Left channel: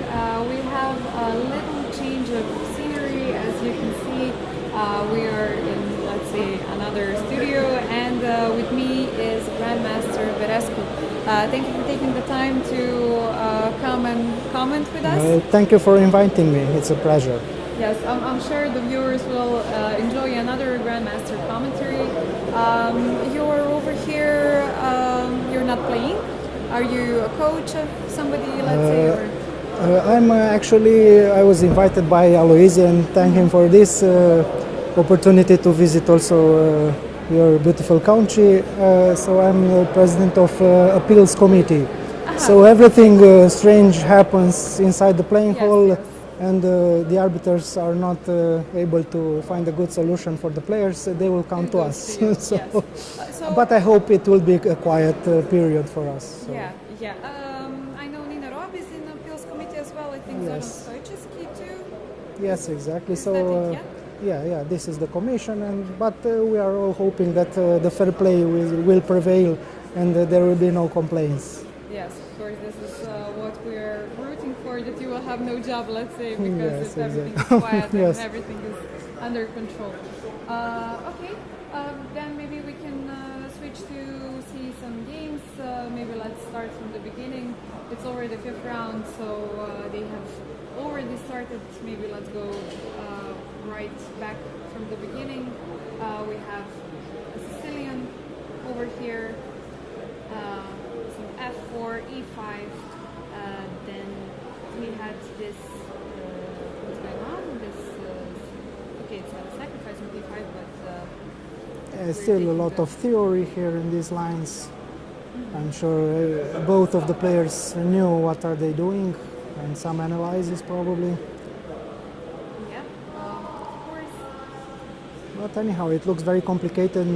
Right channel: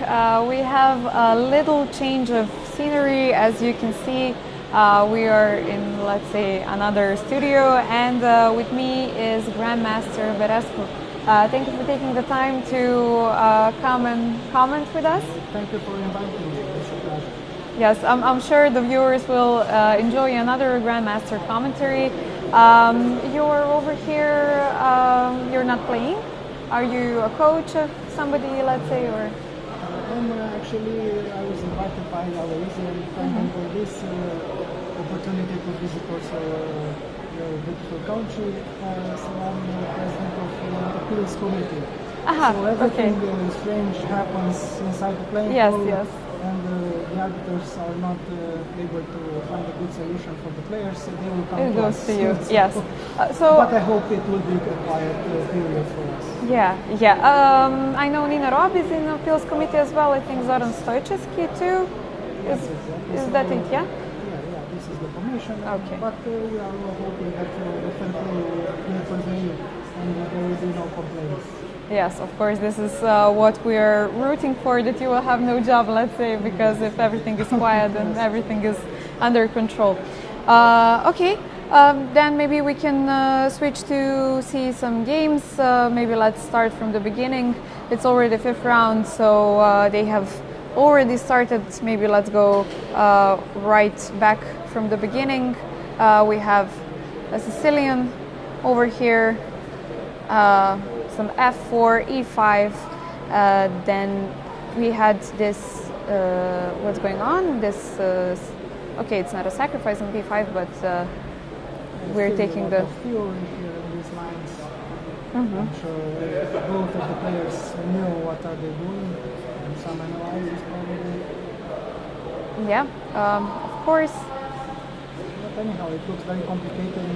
We have a little change of scenery. As you can see, we are in, let's say, another studio, and with me is Grandmaster Verescu. Thank you for taking the time to come and comment with us. Thank you for inviting me. It's a pleasure. Yes, I'm sure the viewers will enjoy another Grandmaster commentary. You're over here, you're not playing? Are you a coach of somebody, let's say, or? I was invited by Aloise and thank him for this opportunity to visit also your beautiful country. So I'm president of appeals committee. So everything strange happens inside the playing hall. Yes. And the arbiters are not able to find a good solution for the players, they will come to us. To you. So, yes. But I hope it will be a quiet period for us. Yeah. I know Nina Rob is in the appeals committee as well. I think Zoran Stojcevski too. Yes, exactly. Is that it? Yeah. Yeah. This is the commission. Okay. But we are all hoping that the fair play will prevail and there will be no complaints. Yes, of course, this is what we are rooting for, that you will have no job, let's say, because yes, if everything is quiet, then yes. everything is under control. Then maybe we can switch to see some games. Maybe let's start from the beginning. It's already the fifth round, so they have already started. Maybe let's go right back from the beginning. We have a Sicilian over here. Some f4, e5, then we had this, what's going on, this, okay, it's not a sacrifice on b5, but we're taking a lot of theory here in these lines. I'm sure both of the players knew what are they doing, and some analysis probably. Yeah, of course. But anyhow, it looks very complicated.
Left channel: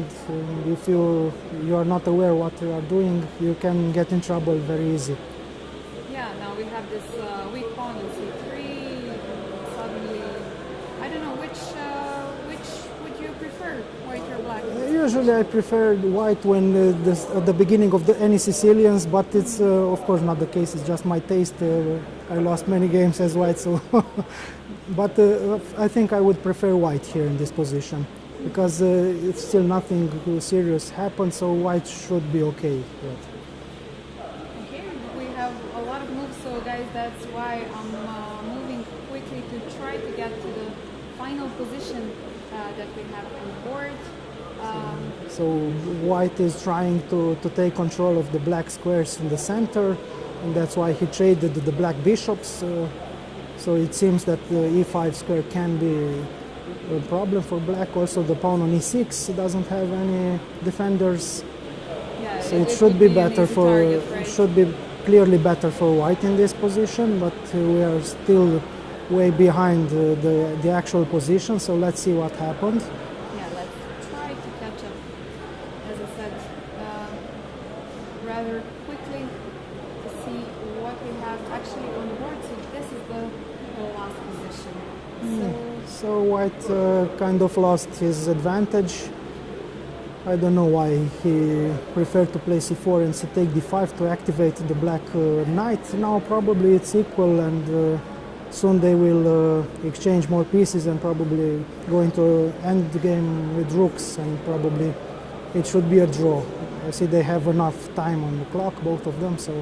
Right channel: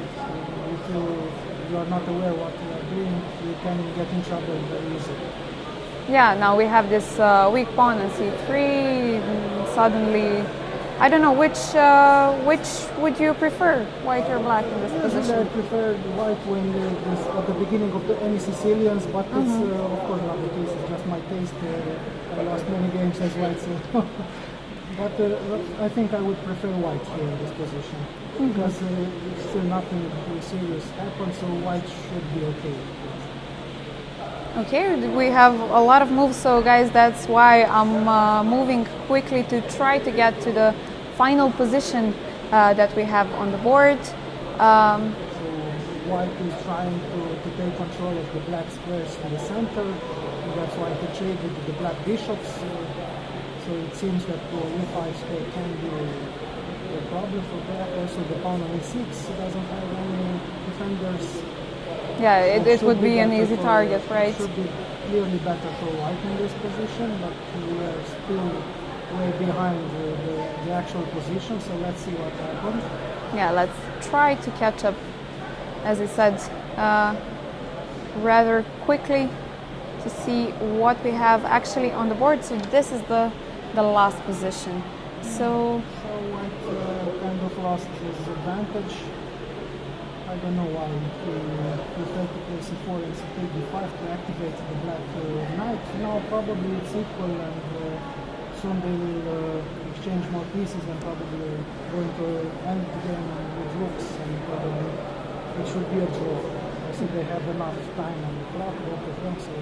If you are not aware what you are doing, you can get in trouble very easy. Yeah, now we have this weak pawn on c3. Suddenly, I don't know which would you prefer, white or black? In this Usually, position? I prefer the white when at the beginning of any Sicilians, but it's of course not the case. It's just my taste. I lost many games as white, so. But I think I would prefer white here in this position because if still nothing serious happens, so white should be okay. Okay, we have a lot of moves, so guys, that's why I'm moving quickly to try to get to the final position that we have on the board. So white is trying to take control of the black squares in the center, and that's why he traded the black bishops. So it seems that the e5 square can be a problem for black. Also, the pawn on e6 doesn't have any defenders. Yeah, so it would be an easy target, right? It should be clearly better for white in this position, but we are still way behind the actual position. So let's see what happened. Yeah, let's try to catch up, as I said, rather quickly to see what we have actually on the board. So this is the last position. So white kind of lost his advantage. I don't know why he preferred to play c4 and take d5 to activate the black knight. Now probably it's equal, and soon they will exchange more pieces and probably go into end the game with rooks, and probably it should be a draw. I see they have enough time on the clock, both of them. So.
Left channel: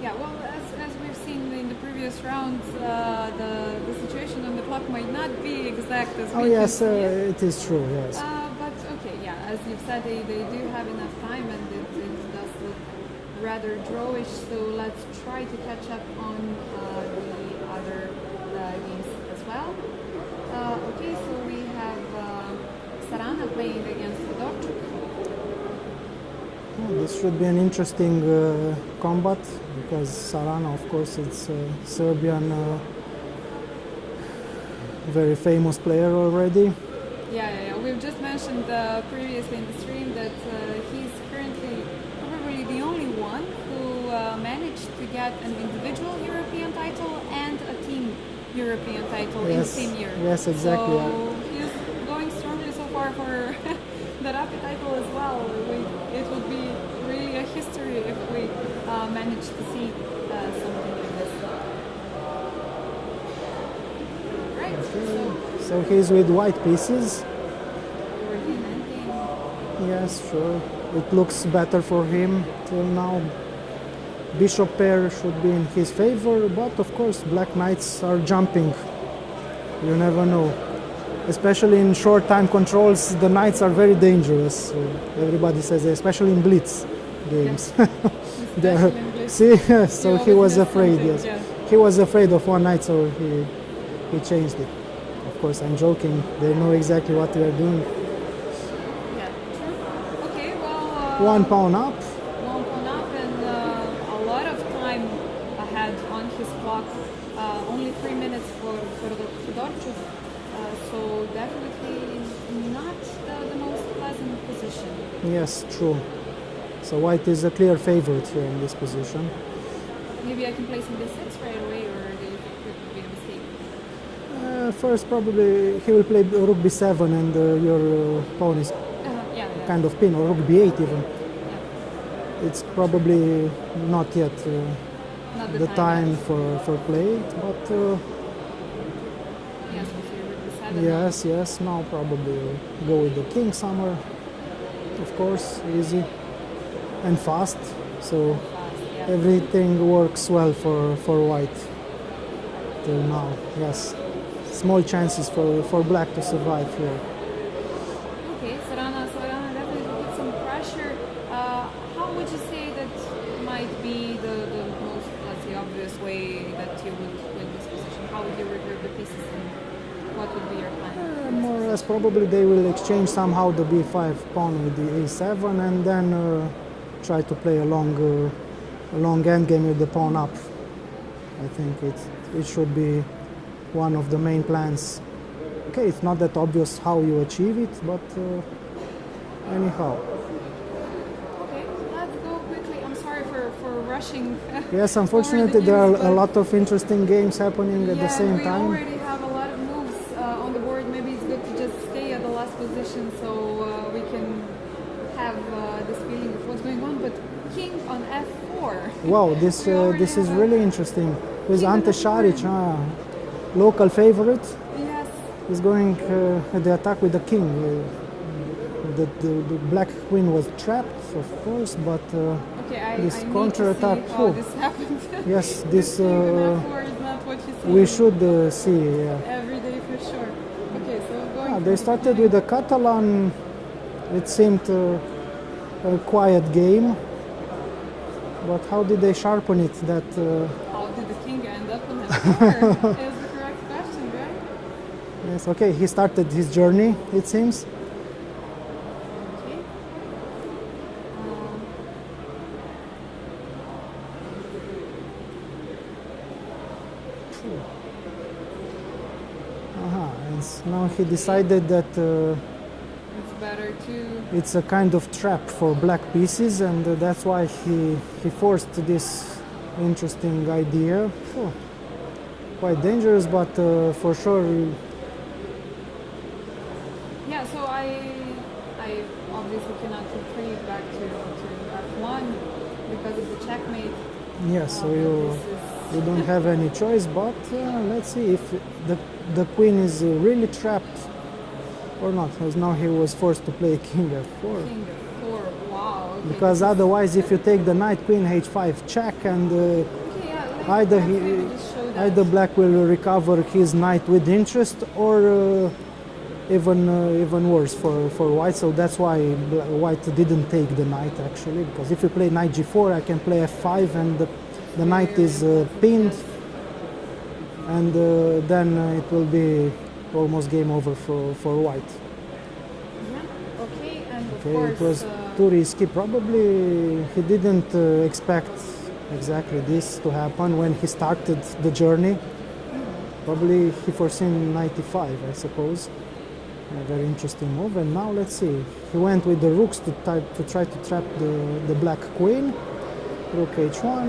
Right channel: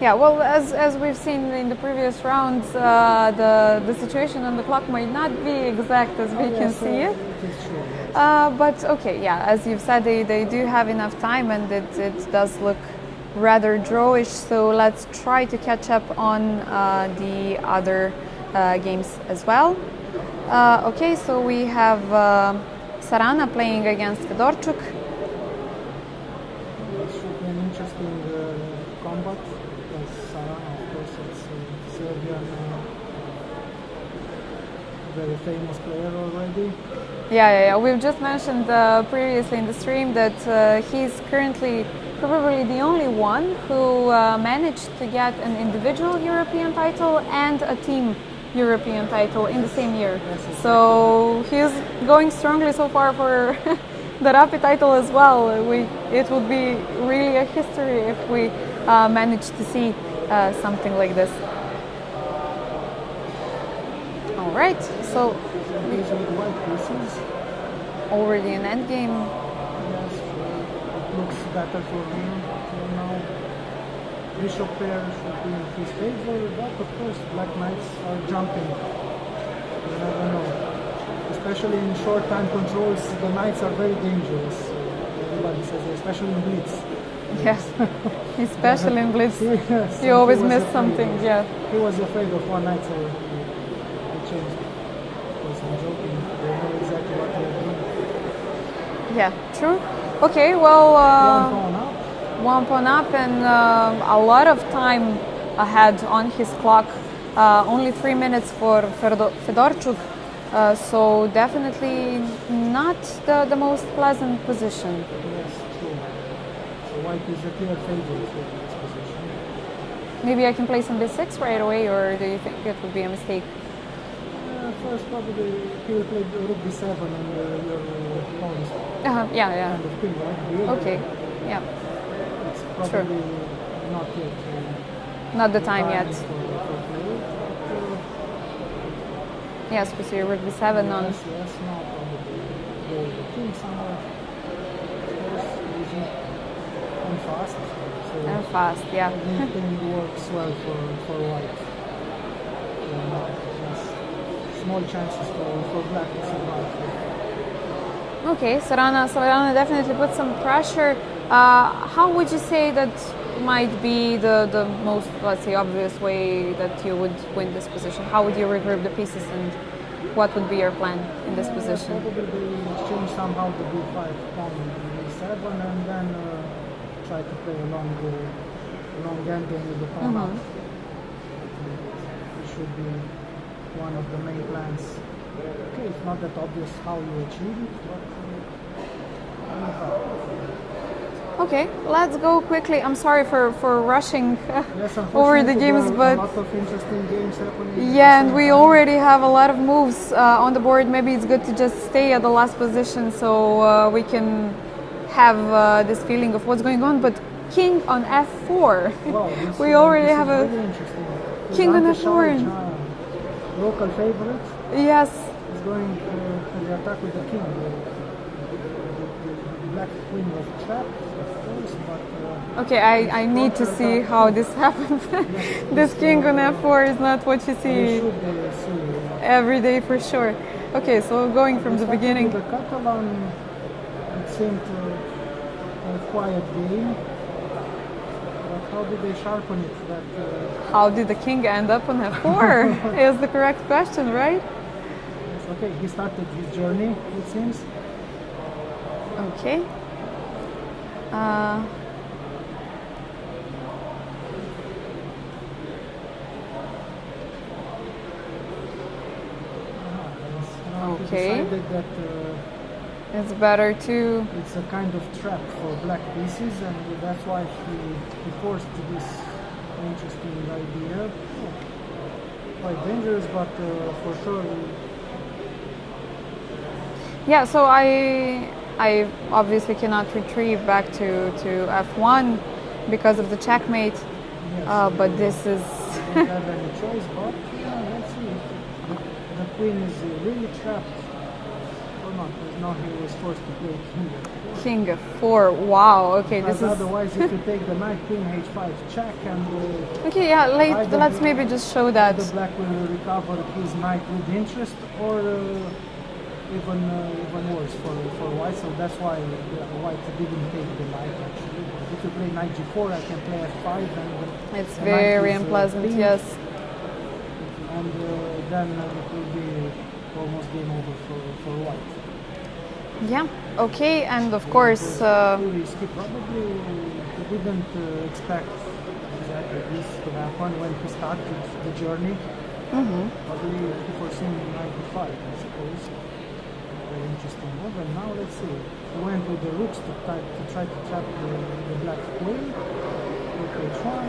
Yeah, well, as we've seen in the previous rounds, the situation on the clock might not be exact as we can see it. It is true, yes. But okay, yeah, as you've said, they do have enough time, and it does look rather drawish. So let's try to catch up on the other games as well. Okay, so we have Sarana playing against Fedorchuk. This should be an interesting combat, because Sarana, of course, it's a Serbian, very famous player already. Yeah. We've just mentioned previously in the stream that he's currently probably the only one who managed to get an individual European title and a team European title in the same year. Yes, exactly. So he's going strongly so far for the Rapid title as well. It would be really a history if we manage to see something like this. right, so he's with white pieces. already an endgame. Yes, sure. It looks better for him till now. Bishop pair should be in his favor, but of course black knights are jumping. You never know. Especially in short time controls, the knights are very dangerous. Everybody says, especially in Blitz games. Yeah. Especially in Blitz. See, so you always he was miss afraid. something. Yes. Yeah. He was afraid of one knight, so he changed it. Of course, I'm joking. They know exactly what they are doing. Yeah, true. Okay, well. One pawn up. One pawn up and a lot of time ahead on his clock. Only 3 minutes for Fedorchuk. So definitely not the most pleasant position. Yes, true. So white is a clear favorite here in this position. Maybe I can play some b6 right away, or do you think it would be a mistake? First, probably he will play rook b7 and your pawn is Yeah. kind of pin, or rook b8 Okay. even. Yeah. It's probably not yet Not the the time yet. for play it, but Yes, we see rook b7 now. yes, now probably go with the king somewhere. Of course, easy and fast. So And fast, yeah. everything works well for white till now. Yes, small chances for black to survive here. Okay, Sarana definitely put some pressure. How would you say that might be the most, let's say, obvious way that you would win this position? How would you regroup the pieces, and what would be your plan in this Yes, position? probably they will exchange somehow the b5 pawn with the a7 and then try to play a long endgame with the pawn up. I think it should be one of the main plans. Okay, it's not that obvious how you achieve it, but anyhow. Okay, let's go quickly. I'm sorry for rushing Yes, over unfortunately the games, there are a but lot of interesting games happening at the yeah, same and we time. already have a lot of moves on the board. Maybe it's good to just stay at the last position so we can have this feeling of what's going on. But king on f4. Wow, this We already this is have a really interesting. With king on Ante f4. Šarić, local favorite, Yes. is going the attack with the king. The black queen was trapped, of course, but Okay, this I need to see counter-attack, how oh. this happens. yes, This king on f4 is not what you see we should see. every day for sure. Okay, so going from They the started beginning. with the Catalan. It seemed a quiet game, but how did they sharpen it? That How did the king end up on f4? Is the correct question, right? yes, okay, he started his journey. It seems. Okay. And now he Okay. decided that It's better to. it's a kind of trap for black pieces, and that's why he forced this interesting idea. Oh, quite dangerous, but for sure. Yeah, so I obviously cannot retrieve back to f1 because of the checkmate. Yes, But this is. you don't have any choice. But let's see if the queen is really trapped or not. Because now he was forced to play king f4. King f4. Wow. Okay. Because this is, otherwise, if you take the knight, queen h5 check, and okay. Yeah. either Let's he- maybe just show that. either black will recover his knight with interest, or even worse for white. So that's why white didn't take the knight actually. Because if you play knight g4, I can play f5, and It's the knight very is unpleasant. pinned, Yes. and then it will be almost game over for white. Yeah. Okay. And of So course. it was too risky. Probably he didn't expect exactly this to happen when he started the journey. Probably he foreseen 95, I suppose. A very interesting move. And now let's see. He went with the rooks to try to trap the black queen. Rook h1.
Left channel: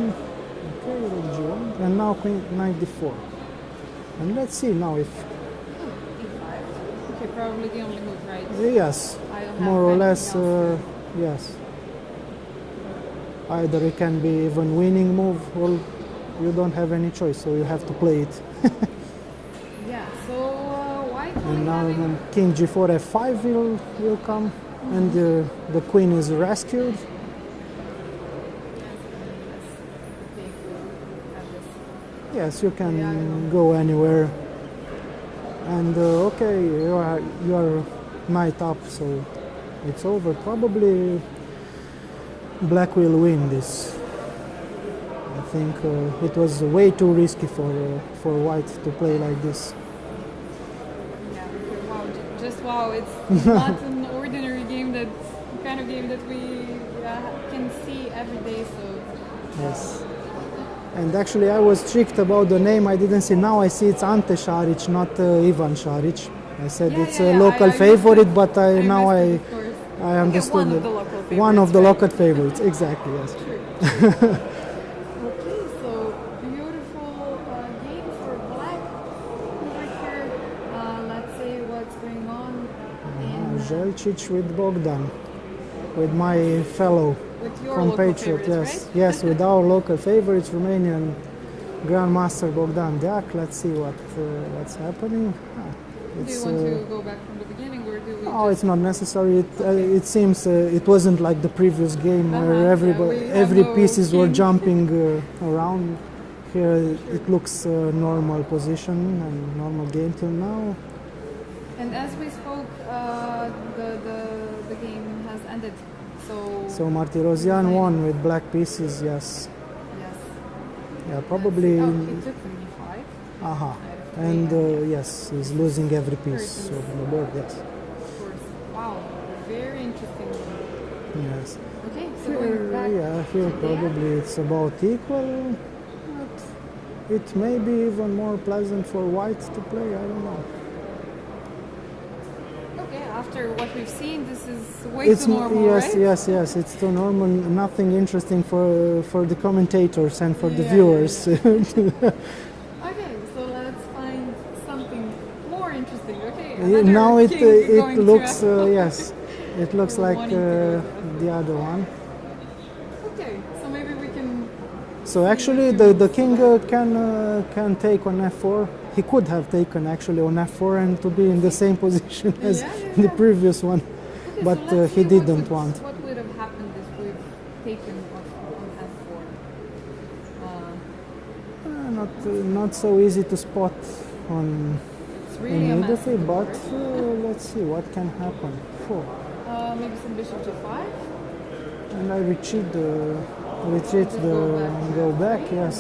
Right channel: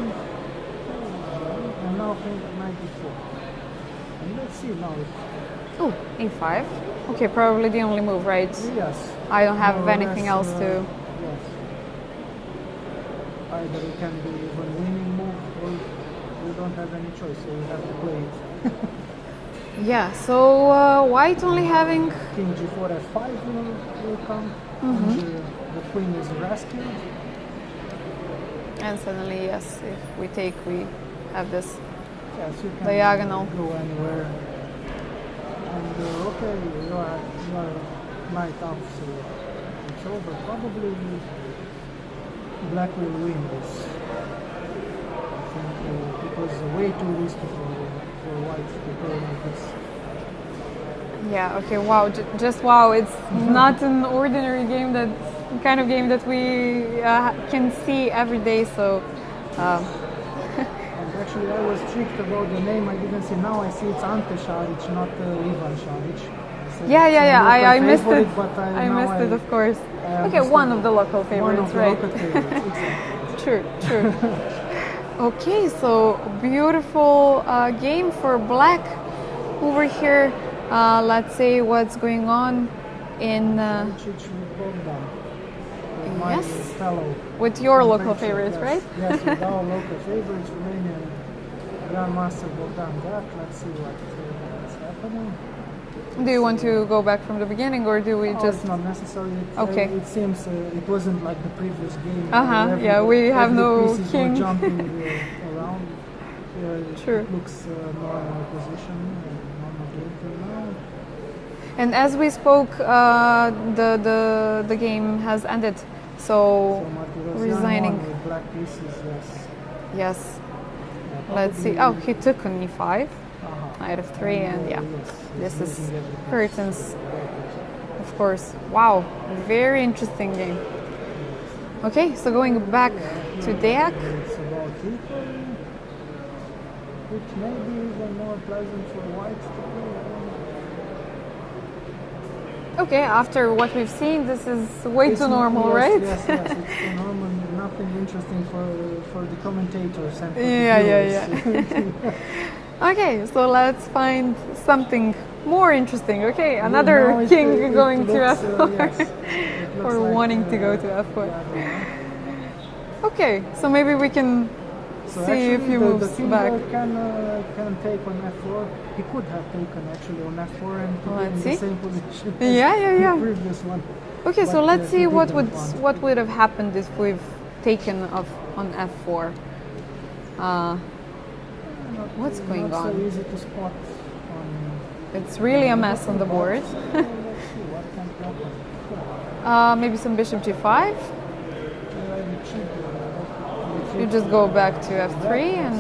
Okay, rook g1. And now queen knight d4. And let's see now if Oh, e5. Okay, probably the only move, right? yes. I don't have more or anything less, else to. Yes. Either it can be even winning move, or you don't have any choice, so you have to play it. Yeah, so white only And having... king g4 f5 will come, and the queen is rescued. And suddenly, yes, if we take, we have this. Yes, you can Diagonal. go anywhere. And okay, you are knight up, so it's over. Probably black will win this. I think it was way too risky for white to play like this. Yeah, okay, wow, just wow. It's not an ordinary game, that kind of game that we can see every day, so... Yes. And actually I was tricked about the name. I didn't see. Now I see it's Ante Šarić, not Ivan Šarić. I said it's a local favorite, but now I missed it, of course. I understood one of the local favorites. One of the right? local favorites, exactly. Yes. True. Okay, so beautiful game for black over here. Let's see what's going on in... Žolčić with Bogdan, with my fellow. With your local compatriot, favorites, yes. right? Yes, with our local favorites, Romanian Grandmaster Bogdan Deac. Let's see what's happening. Do you want to go back from the beginning, or do we just... It's not necessary. Okay. It seems it wasn't like the previous game. We have every no pieces king. were jumping around. Here Sure. it looks normal position and normal game till now. And as we spoke, the game has ended. So Martirosyan won with black pieces. Yes. Yes. Yeah, Let's probably. see. Oh, he took an e5. Knight of 3, and yeah. Yes, he's This losing is every piece. curtains. of the board, yes. Of course. Wow, very interesting game. Yes. Okay, so going back Here to Deac. probably it's about equal. It may be even more pleasant for white to play. I don't know. Okay, after what we've seen, this is way too normal, right? Yes, it's too normal. Nothing interesting for the commentators and for the Yeah. viewers. Okay, so let's find something more interesting. Okay, Yeah, another now king going looks, to F4. Yes, it looks Or like wanting to go to F4. the other one. Okay, so maybe we can... So see actually, if he the moves king back. can take on f4. He could have taken actually on f4 and to be in the see. same position as Yeah. the previous one. Okay, But, so let's he see what didn't want. would have happened if we've taken off on F4. What's going Not on? so easy to spot on. It's really a mess on the but, board. Let's see what can happen. Oh, Maybe some bishop g5. and I retreat You just go back to go F3 back, yes.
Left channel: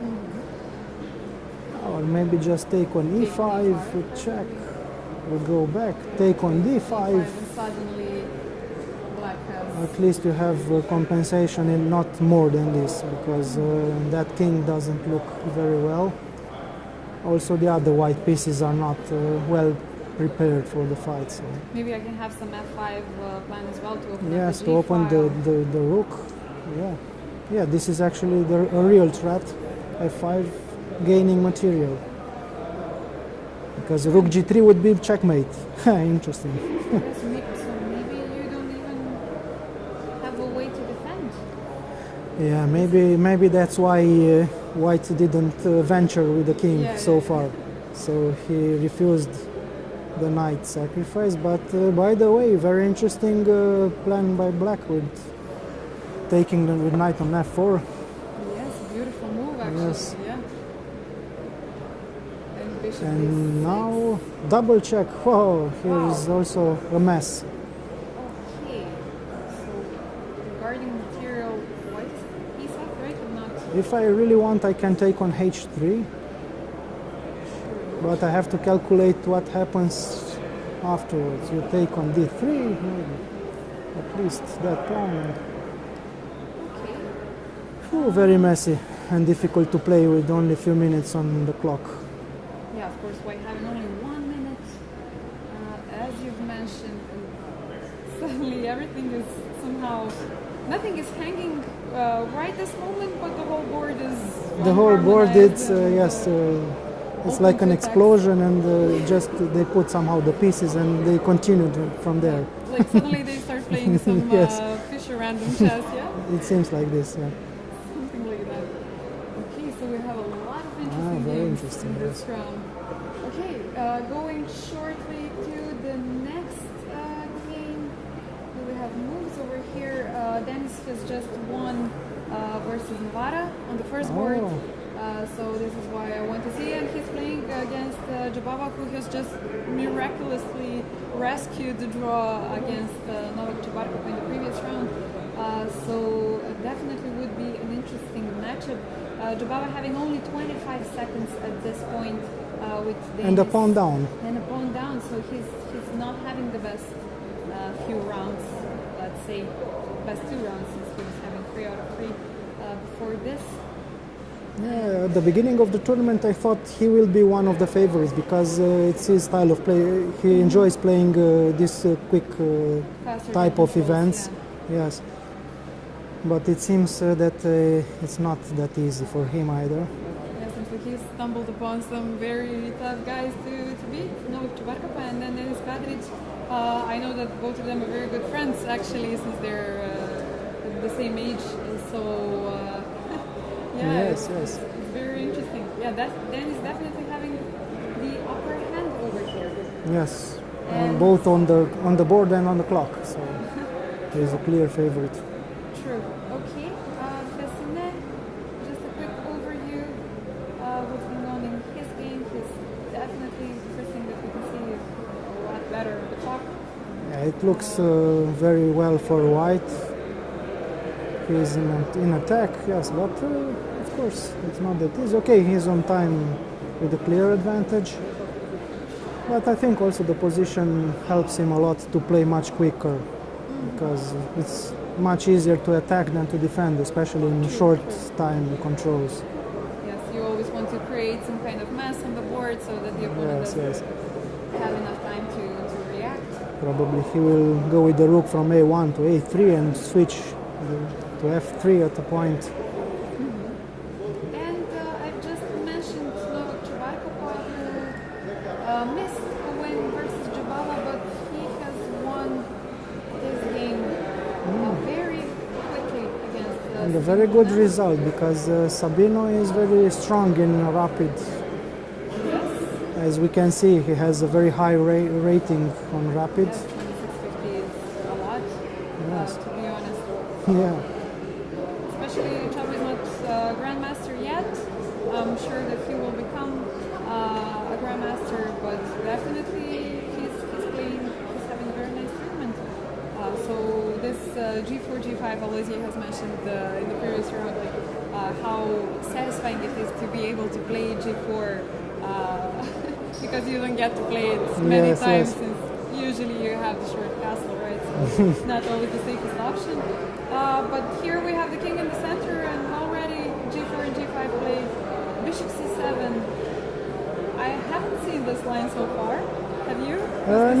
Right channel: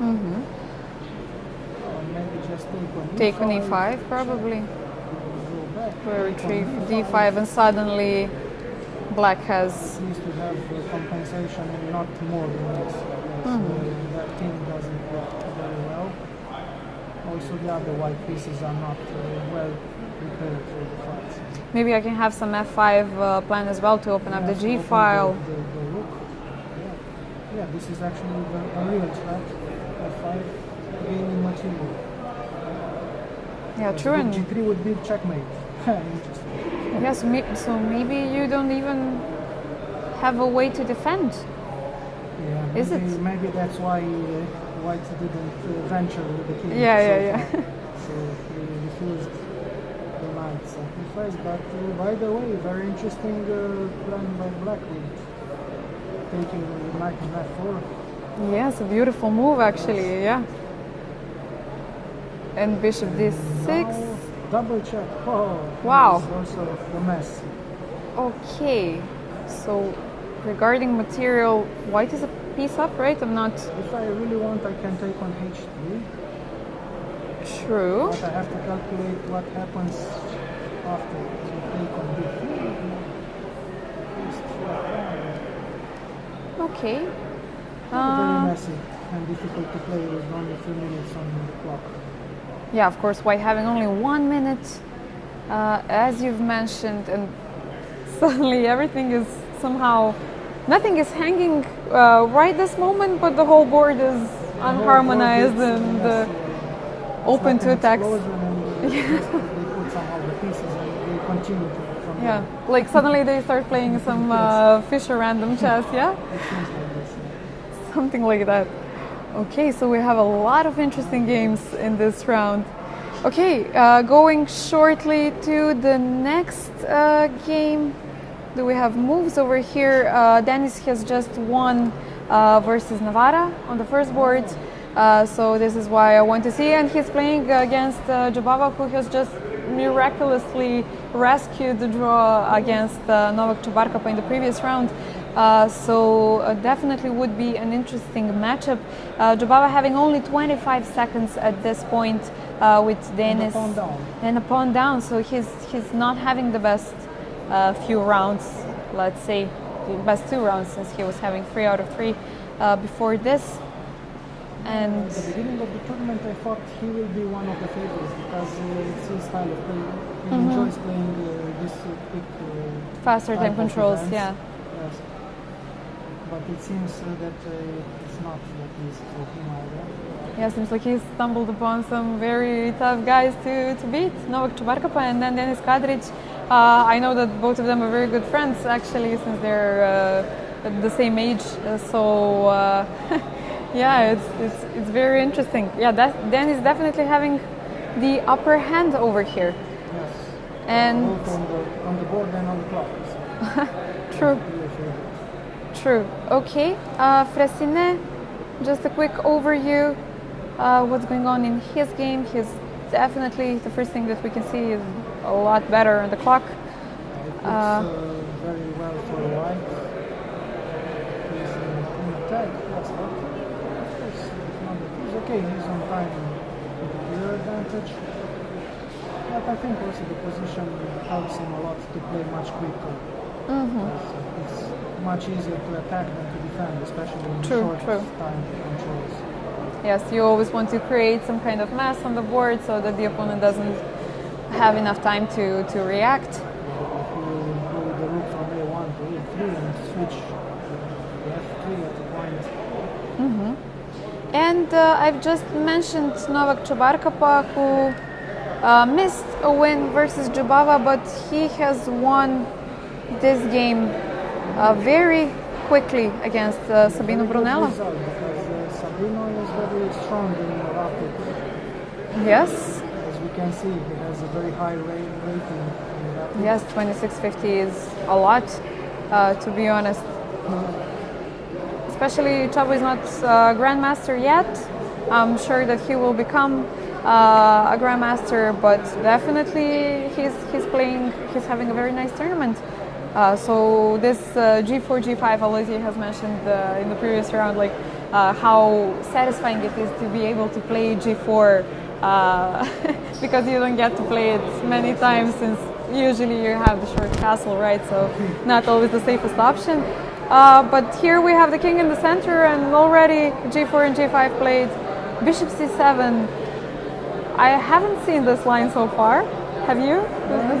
and Or maybe just take on e5. take on e5 check. probably. We go back, Or take on retreat d5. d5, and suddenly black has... At least you have compensation in not more than this, because that king doesn't look very well. Also, the other white pieces are not well prepared for the fight. So. Maybe I can have some f5 plan as well to open up Yes, the to g open file. the rook. Yeah, this is actually a real threat. f5 gaining material. Yeah, Because true. rook and- g3 would be checkmate. Interesting. Yes, so maybe you don't even have a way to defend. Yeah, maybe that's why white didn't venture with the king so far. So he refused the knight sacrifice. But by the way, very interesting plan by black with taking the knight on f4. Yes, a beautiful move actually, Yes. yeah. And bishop And d6. now double check. Oh, Wow. he's also a mess. Okay, so regarding material, white is a piece up, right? I'm not If I really want, I can take on h3, true. but I have to calculate what happens afterwards. You take on d3, maybe. At least that pawn. Okay. Very messy and difficult to play with only a few minutes on the clock. Yeah, of course, white having only 1 minute, as you've mentioned, and suddenly everything is somehow, nothing is hanging right this moment, but the whole board is The whole board, unharmonized it's, and yes, it's open like to an attacks. explosion, and just they put somehow the pieces and they continued from Yeah, there. like suddenly they start playing some Yes. Fischer random chess, yeah? It seems like this, yeah. Something like that. Okay, so we have a lot of interesting games in this round. Okay, going shortly to the next game. Do we have moves over here? Dennis has just won versus Navarra on the first board. So this is why I want to see. And he's playing against Jabava, who has just miraculously rescued the draw against Novak Čebarkapa in the previous round. So definitely would be an interesting matchup. Jabava having only 25 seconds at this point with Dennis. And a pawn down. And a pawn down, so he's not having the best few rounds, let's say, best 2 rounds, since he was having 3 out of 3 before this. And at the beginning of the tournament, I thought he will be one of the favorites because it's his style of play. He enjoys playing this quick faster type of controls, events. yeah. Yes, but it seems that it's not that easy for him either. Yeah, seems like he stumbled upon some very tough guys to beat. Novak Čebarkapa and then Denis Kadrić. I know that both of them are very good friends, actually, since they're the same age. So, yeah, Yes. it's very interesting. Yeah, Denis definitely having the upper hand over here. Yes, And both on the board and on the clock. So he's True. a clear favorite. True. Okay, Fressinet, just a quick overview. What's going on in his game? He's definitely, the first thing that we can see is a lot better on the clock. Yeah, it looks very well for white. He's in attack, yes, but of course it's not that easy. Okay, he's on time with a clear advantage. But I think also the position helps him a lot to play much quicker because it's much easier to attack than to defend, especially in short time controls. Yes, you always want to create some kind of mess on the board so that the opponent Yes, doesn't yes. have enough time to react. Probably he will go with the rook from a1 to a3 and switch to f3 at a point. And I've just mentioned Novak Čebarkapa, who missed a win versus Jabava, but he has won this game very quickly against A Sabino very good Brunella. result because Sabino is very strong in rapid. Yes, As we can see, he has a very high rating on rapid. yes, 2650 is a lot, to be honest. Yeah. Especially Chavo is not a grandmaster yet. I'm sure that he will become a grandmaster, but definitely he's having a very nice tournament. So this G4, G5, Aloysia has mentioned in the previous round, like how satisfying it is to be able to play G4 because you don't get to play it many Yes, times, yes. since usually you have the short castle, right? So not always the safest option. But here we have the king in the center, and already G4 and G5 played. Bishop C7. I haven't seen this line so far. Have you?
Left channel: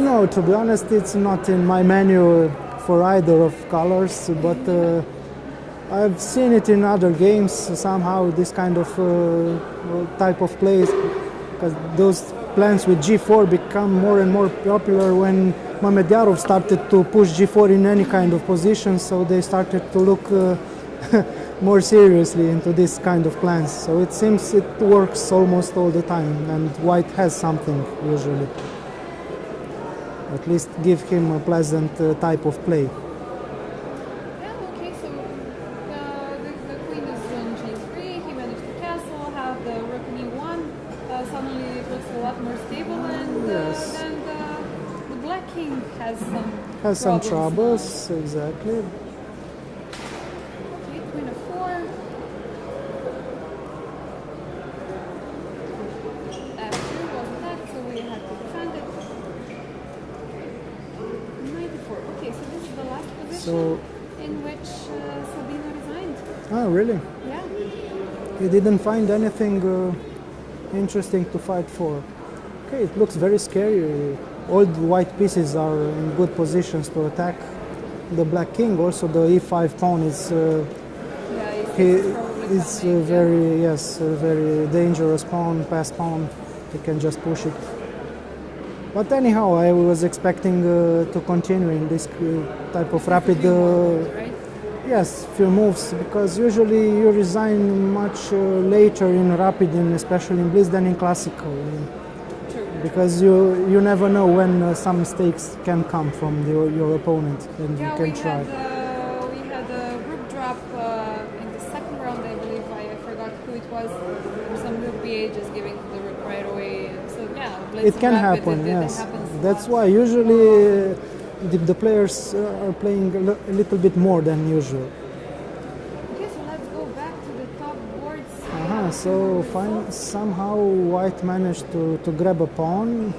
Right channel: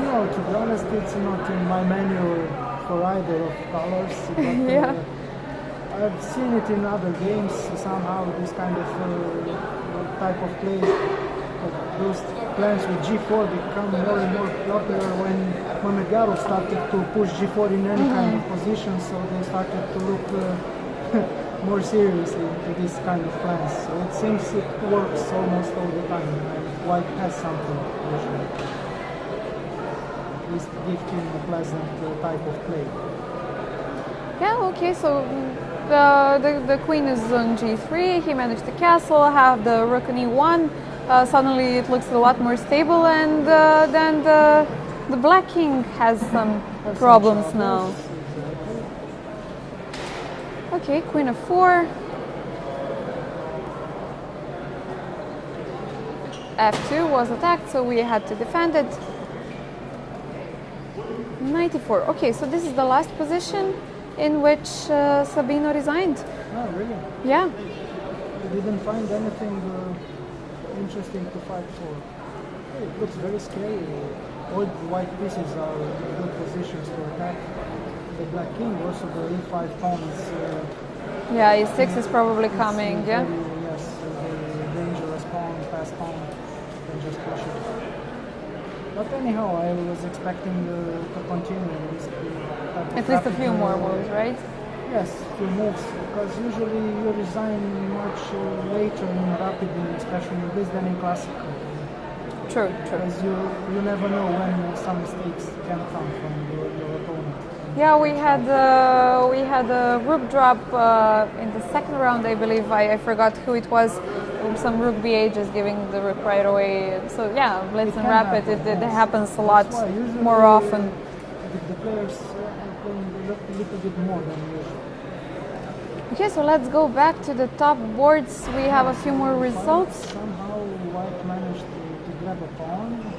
No, to be honest, it's not in my menu for either of colors, but Yeah. I've seen it in other games somehow, this kind of type of plays. Those plans with G4 become more and more popular when Mamedyarov started to push G4 in any kind of position, so they started to look more seriously into this kind of plans. So it seems it works almost all the time, and white has something usually. At least give him a pleasant type of play. Yeah, okay, so the queen is on G3, he managed the castle, have the rook on E1, suddenly it looks a lot more stable, and then the black king has some Has problems some now. troubles, exactly. Okay, queen of 4. F2 was attacked, so we had to defend it. 94. Okay, so this is the last position in which Sabino resigned. Oh, really? Yeah. He didn't find anything interesting to fight for. Okay, it looks very scary. All the white pieces are in good positions to attack the black king. Also, the e5 pawn is. Yeah, E6 is probably it's coming. a very, yes, a very dangerous pawn, pass pawn. You can just push it. But anyhow, I was expecting to continue in this type At of least a rapid. few more moves, right? Yes, few moves, because usually you resign much later in rapid, and especially in Blitz, than in classical. True. Because you never know when some mistakes can come from your opponent. And Yeah, you we can try. we had a rook drop in the second round, I believe. I forgot who it was. Some rook b8 just giving the rook right away. So yeah, Blitz It and can rapid, happen, it yes. happens a That's lot why usually more often. the players are playing a little bit more than usual. Okay, so let's go back to the top boards. We have a few more results. Somehow White managed to grab a pawn,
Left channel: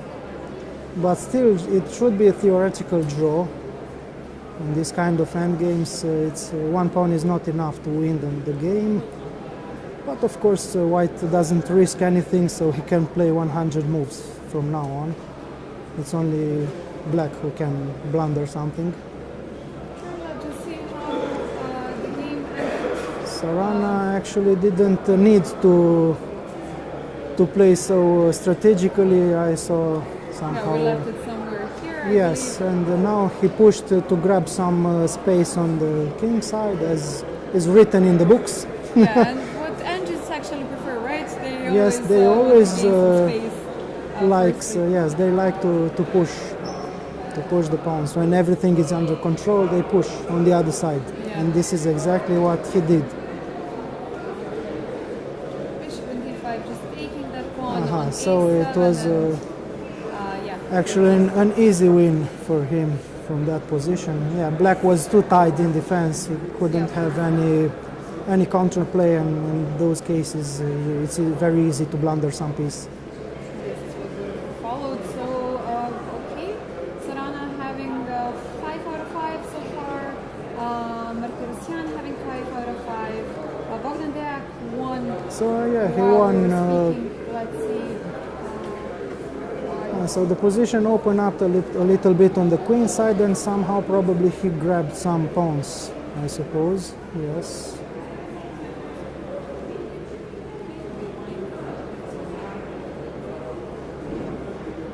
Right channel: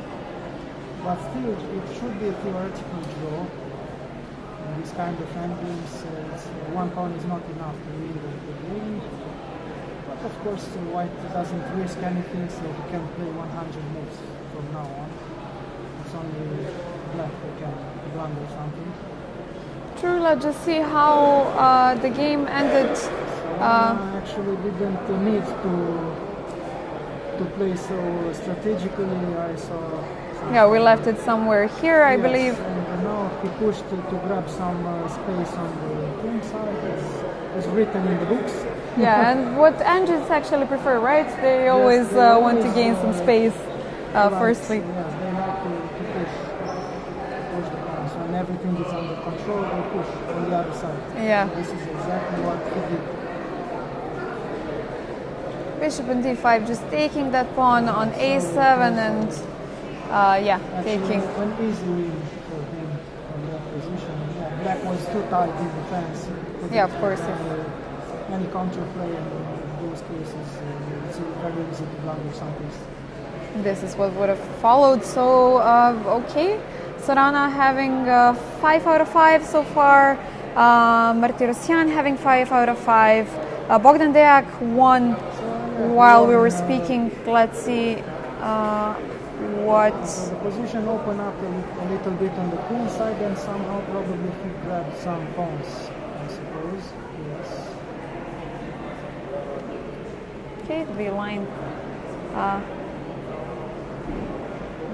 but still it should be a theoretical draw. In this kind of endgames, it's one pawn is not enough to win the game. But of course, White doesn't risk anything, so he can play 100 moves from now on. It's only Black who can blunder something. True, let's just see how the game ended. Solana actually didn't need to play so strategically. I saw somehow. Yeah, we left it somewhere here, I Yes, believe. and now he pushed to grab some space on the king side, as is written in the books. Yeah, and what engines actually prefer, right? They Yes, always they want always, to gain some space firstly. Yes, they like to push the pawns. When everything is under control, they push on the other side. Yeah. And this is exactly what he did. Bishop and d5, just taking that pawn on So a7 it was, and yeah, actually taking. an easy win for him from that position. Yeah, Black was too tight in defense. He couldn't Yeah, of have course. any counterplay, and in those cases, it's very easy to blunder some piece. This is what would have followed. So, okay. Sorana having 5 out of 5 so far. Martirosyan having 5 out of 5. Bogdan Deak won So yeah, he while we won, were speaking. Let's see what. So the position opened up a little bit on the queen side, and somehow probably he grabbed some pawns, I suppose. Yes. Okay, the line.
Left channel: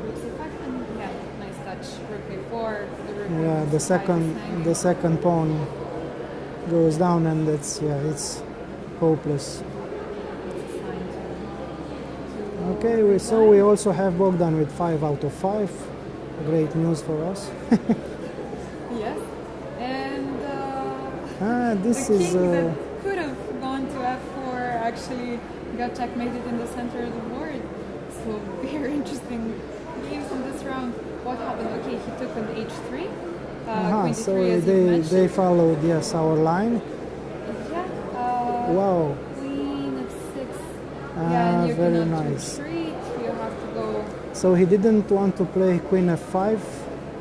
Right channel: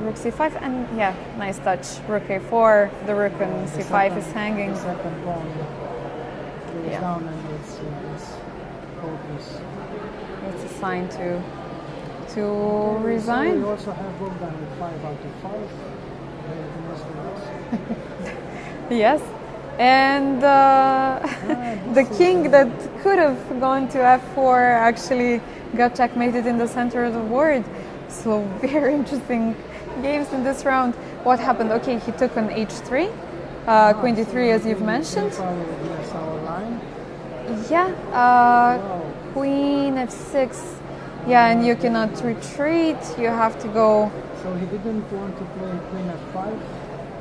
Rook c5, and yeah, nice touch. Rook a4, the rook and c5 is hanging. The second pawn goes Yeah. down, and it's hopeless. It's a sign to Okay, so resign. we also have Bogdan with 5 out of 5. Great news for us. Yes, and This the is, king that could have gone to f4 actually got checkmated in the center of the board. So very interesting games in this round. What happened? Okay, he took on h3, queen d3 so as you've they mentioned. followed, yes, our line. Yeah, Wow. queen f6. Yeah, and you very cannot nice. retreat. You have to go. So he didn't want to play queen f5.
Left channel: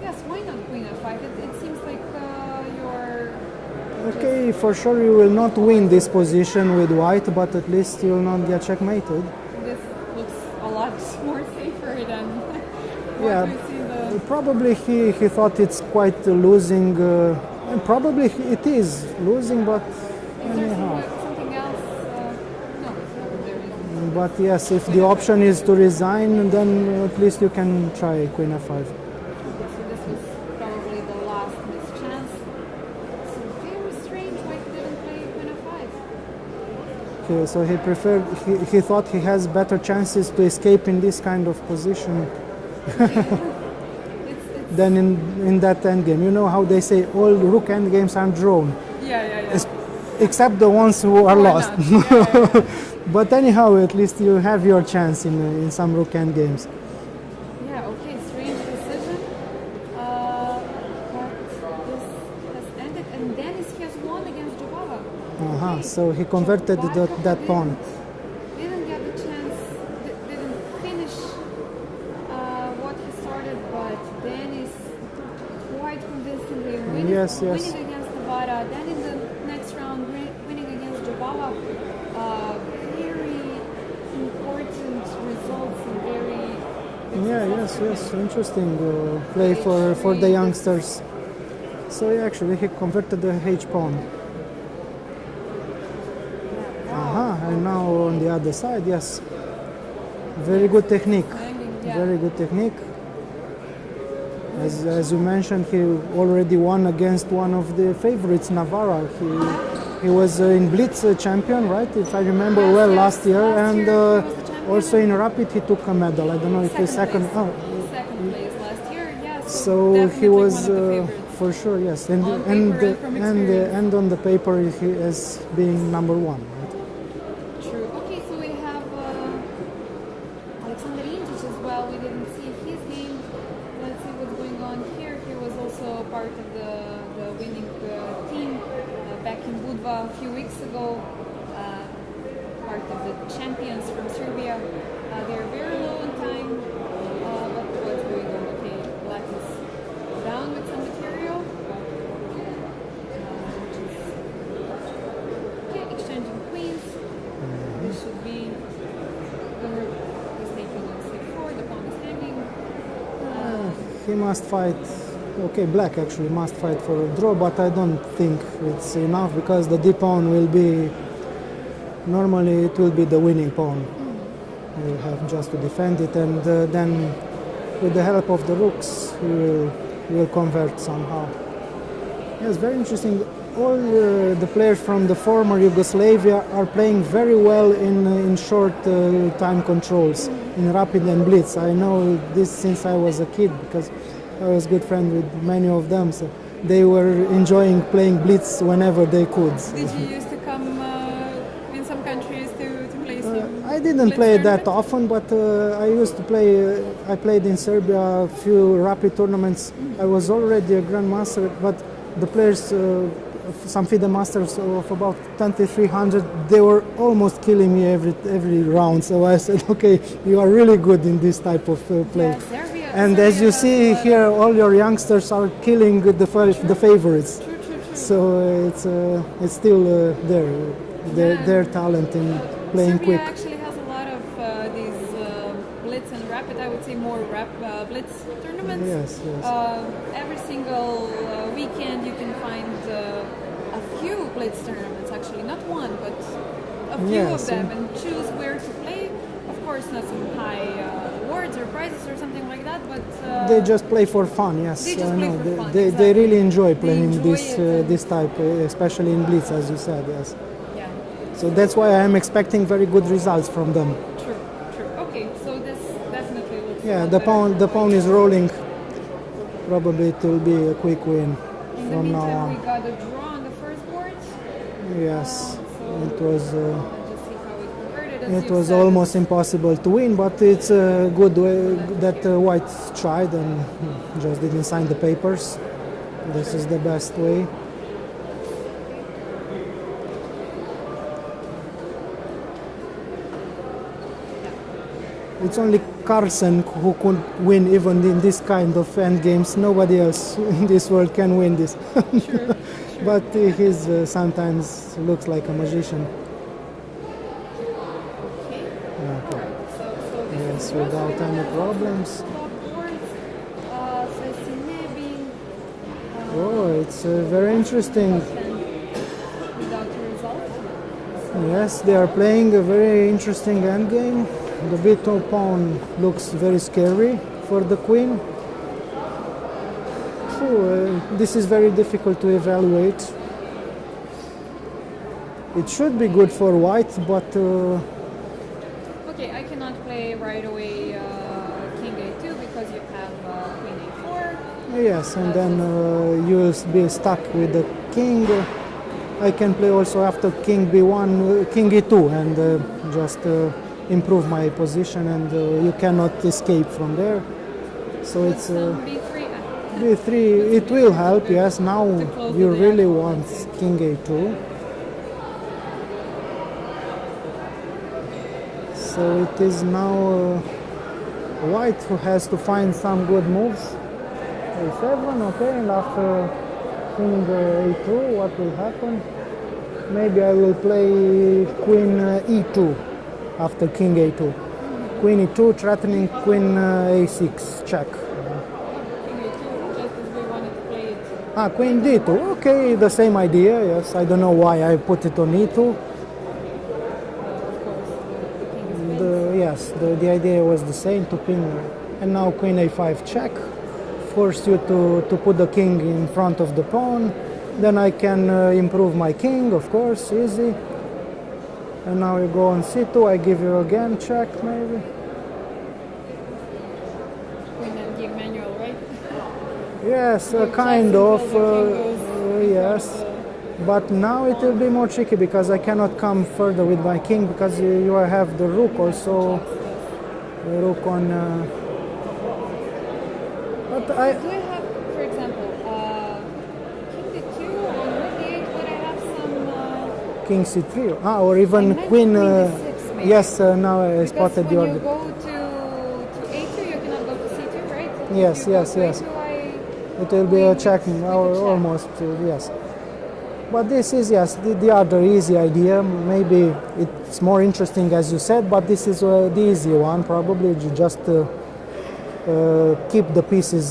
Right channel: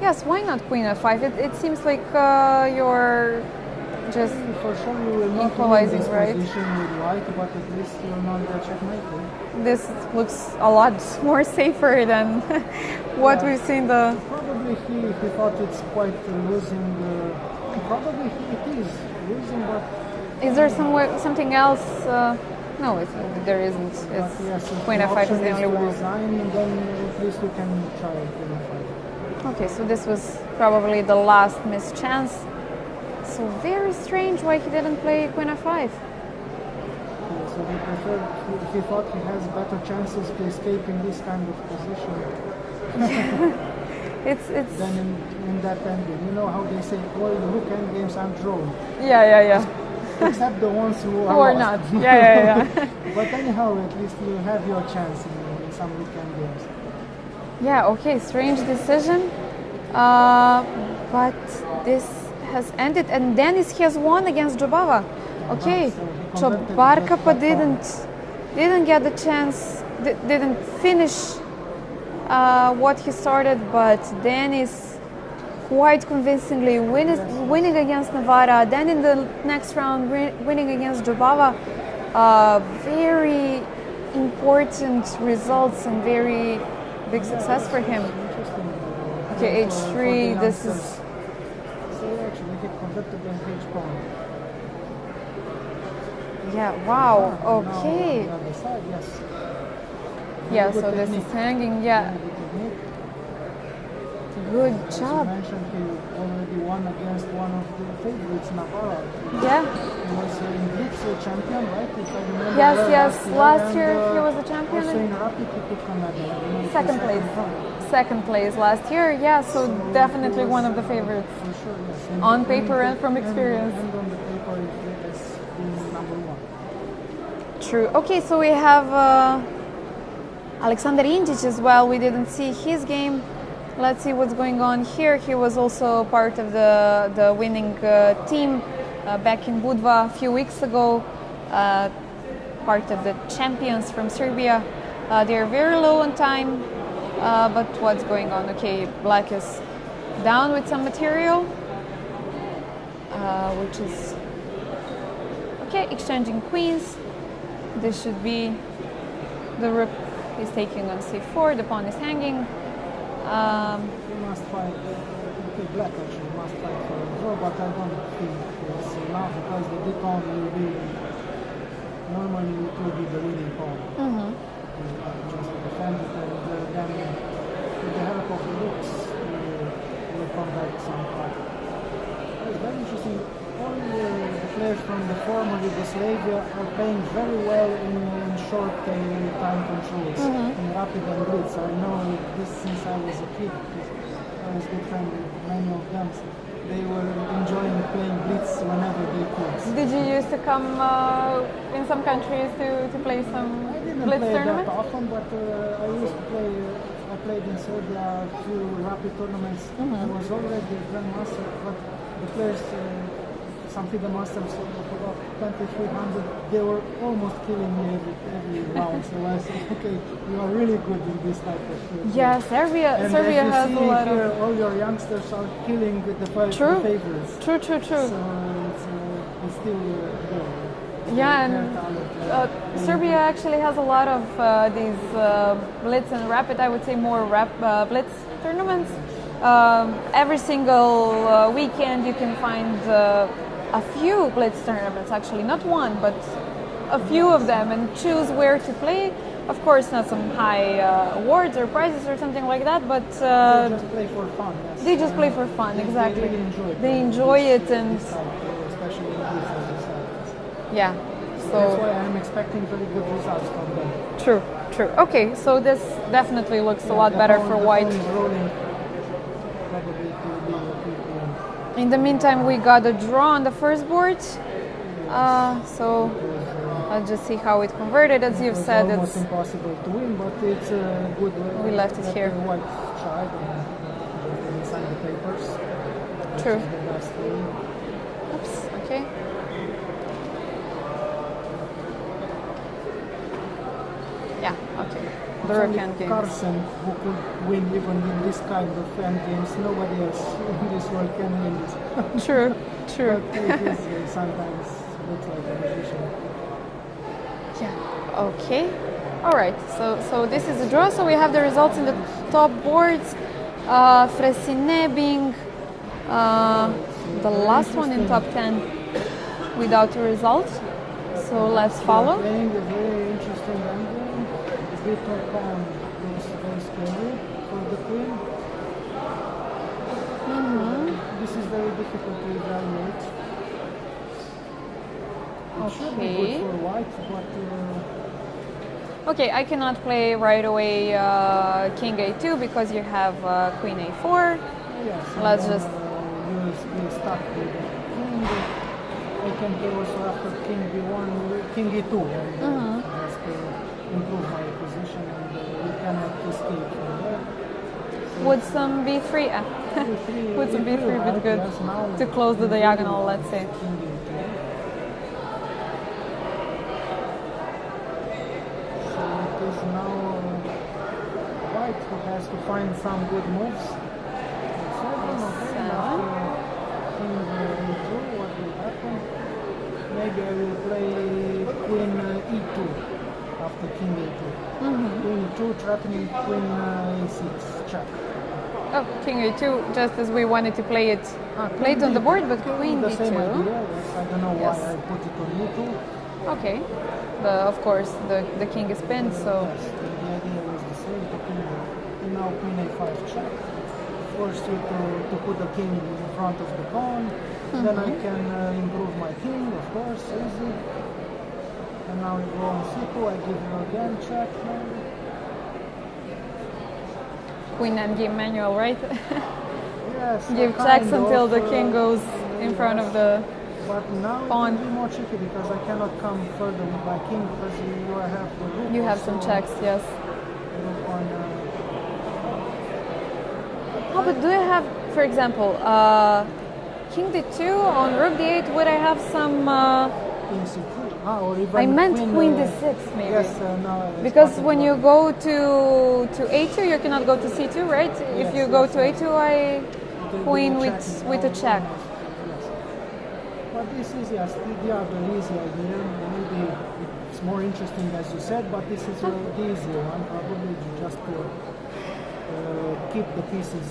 Yes, why not queen f5? It seems like you're just. Okay, for sure you will not win this equalizing, right? position with white, but at least you will not get checkmated. This looks a lot more safer than what Yeah. we've seen. Probably he thought it's quite losing, and probably it is losing, but Is there something else? No, there isn't. but It's yes, if queen the f5 option the is only to one. resign, then at least you can try queen f5. Okay, so this was probably the last missed chance. So very strange why he didn't play queen f5. Okay, so he preferred. He thought he has better chances to escape in this kind of position It's than in that endgame. You know how they say all rook endgames are drawn, yeah. except the ones who are Why lost. not? Yeah. But anyhow, at least you have your chance in some rook endgames. Yeah, okay, strange decision. But this has ended, and Denis has won against Jobava. Okay, so he converted Barkapa that pawn. didn't get the chance, didn't finish what he started, but Denis quite convincingly winning against Navarra. Then in the next round, winning against Jobava. Very important results and very big success for him. Interesting play Okay, for H3, the this youngsters. So yeah, actually he converted the H pawn. Yeah, wow. And now on the Okay. other side, yes. Very Yeah, good so this is technique. hanging, yeah. Very good technique. Good As you job. mentioned, he already won against one of the favorites, Navarra. Yeah. He was in Blitz champion, right? If I remember Yes, well, yes. last year. Last year he was the champion. Also in Rapid, he took a medal. I don't know if he's Second second. place. Second place last year. Yeah, so, So definitely he was one of the favorites. for sure. Yes, On paper and from experience. and on the paper, he is being number one. True. Okay, so we have Alexander Indic as well. We didn't see his game. Let's see what's going on here. He was also part of the winning team back in Budva a few weeks ago. Part of the champions from Serbia. They are very low on time, but what's going on? Okay, black is down with some material, which is okay. Exchanging queens. This should be the rook is taking on c4. The pawn is hanging. He must fight. Okay, black actually must fight for a draw, but I don't think it's enough because the d pawn will be. Normally, it will be the winning pawn. We'll have just to defend it, and then with the help of the rooks, we will convert somehow. It's very interesting. All the players from the former Yugoslavia are playing very well in short time controls, in Rapid and Blitz. I know this since I was a kid because I was good friend with many of them. So they were enjoying playing Blitz whenever they could. Did you used to come in some countries to play some? I didn't Blitz play that tournaments? often, but I used to play. I played in Serbia a few Rapid tournaments. I was already a grandmaster, but the players, some FIDE masters of about 2300, they were almost killing me every round. So I said, okay, you are really good in this type of play. Yeah, Serbia. And Serbia as you has see a lot here, of- all your youngsters are killing the favorites. True. So it's still there. Yeah, Their and, talent in playing Serbia quick. actually has a lot of these Blitz and Rapid. I would say more Blitz tournaments. Yes. Every single weekend you can find a few Blitz tournaments, actually, not one, but a few Yes, of them, and choose where to play. Of course, not some high awards or prizes or something like that, but They just play for fun, yes. They just play for fun, They exactly. really enjoy They playing enjoy it and- this type, especially in Blitz, as you said, yes. yeah. So that's why I'm expecting very good results from them. True. Okay, so this definitely looks a lot the better pawn, for the white. pawn is rolling. Probably it will be a quick win. In the from, meantime, we got a draw on the first board. Yes. So it was. I'll just see how it converted. As It you've was said, almost impossible to win, but it's a good way We left it that here. White tried and just didn't sign the papers. This True. is the best way. Oops, okay. Yeah, okay. It's The rook only endgame. Carlsen who could win even in this kind of endgames. Nobody else in this world can win this. True. But he's sometimes looks like a magician. Yeah. Okay. All right. So this is the Yes, draw. So we without have the any results in the problems. top boards. Fressinet being It's the very last one in interesting. top 10 without a result. So let's Yes, they are follow. playing a very interesting endgame. The b2 pawn looks very scary for the queen. This is very difficult to evaluate. It should be good Okay. for white, but Okay, I cannot play right away King A2 because you have Queen A4. yes, and Let's then just- you will be stuck with the king. I can play also after King B1, King E2, and just improve my position, and you cannot escape from there. So Would it's, some B3? B3, would it some will B3 be help, good yes. Now to close you the really diagonal, want let's say. King A2. So it is now white who has to find some good moves. A7, okay, and after King A2, what will happen? Maybe I will play Queen E2 after King A2. Queen E2 threatening Queen A6, check. Oh, King A2, just as we wanted to play it Queen late on the D2, board, but okay, Queen the same D2. idea, yes. I don't know why I put it on E2. Okay. Of course, the king is pinned, so Yes, the idea was the same to pin, and now Queen A5 check force you to put the king in front of the pawn. Then I can improve my king, of course, easy. And now you go on c2, I give you again check, maybe. Queen endgame manual, right? Yes, Give kind checks of. until the king goes in front of yes. the... But now it will pawn. be more tricky because I cannot come further with my king because you have the rook You have also. some checks, yes. The rook on. But do you have, for example, king d2 on rook d8? Would I have some... King c3, or even I meant queen. queen d6, maybe. Yes, now I Because spotted when your- you go to a2, you cannot go to c2, right? Yes, if you go yes, to yes. a2, It will be queen a checking, with a check. almost, yes. But this is, yes, the other easy idea. Maybe it's more interesting, as you said, but this is the easy one, probably. You just keep the pieces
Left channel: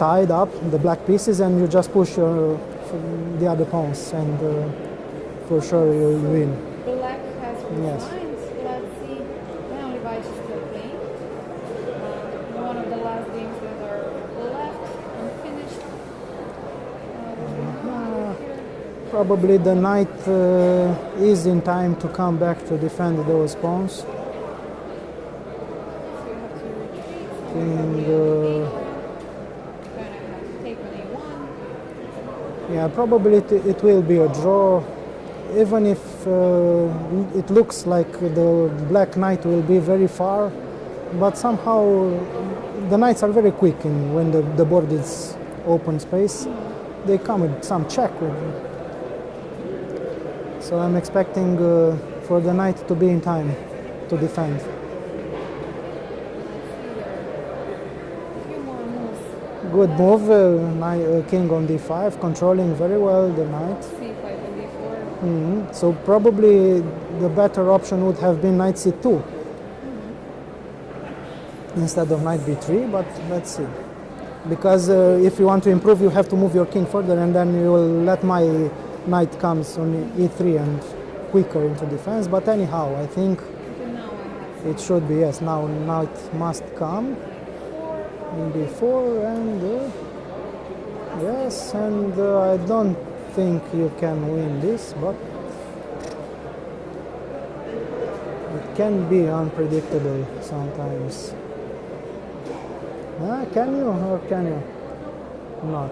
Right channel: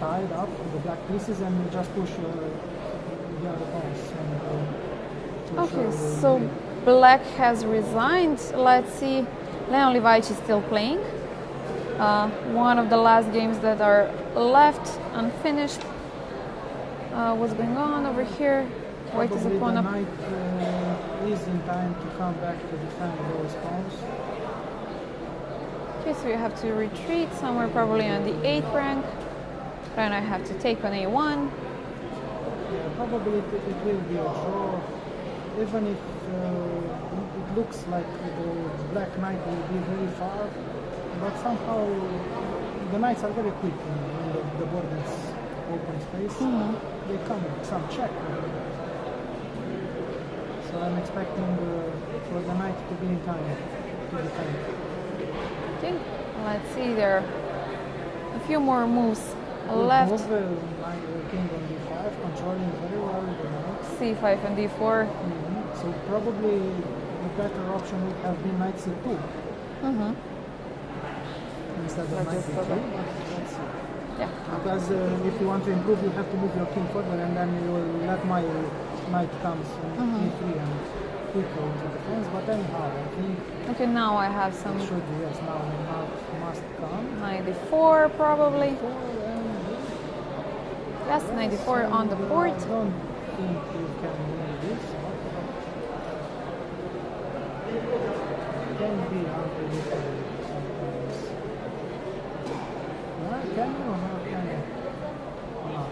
tied up, the black pieces, and you just push the other pawns, and for sure you will so win. black has resigned. Let's see. Leon Levici is still playing. One of the last games that are left unfinished. What's going on over here? Probably the Opponent- knight is in time to come back to defend those pawns. Okay, so you have to retreat somewhere probably on the 8th rank. Then I have to take on a1. Yeah, probably it will be a draw, even if it looks like the black knight will be very far, but somehow the knights are very quick when the board is open space. They come with some check with them. So I'm expecting for the knight to be in time to defend. Okay, let's see, there are a few more moves Good left. move, king on d5, controlling very well the knight. c5 and d4. So probably the better option would have been knight c2 instead of knight b3, but let's see. Yeah. Because if you want to improve, you have to move your king further, and then you will let my knight comes on e3 and quicker into defense. But anyhow, I think Okay, now I have some it should be, yes, now it must come. knight d4 probably. Before and That's knight yes, d4 on the and, board. I don't think you can win this, but it can be unpredictable sometimes. Yeah, can you or can you not?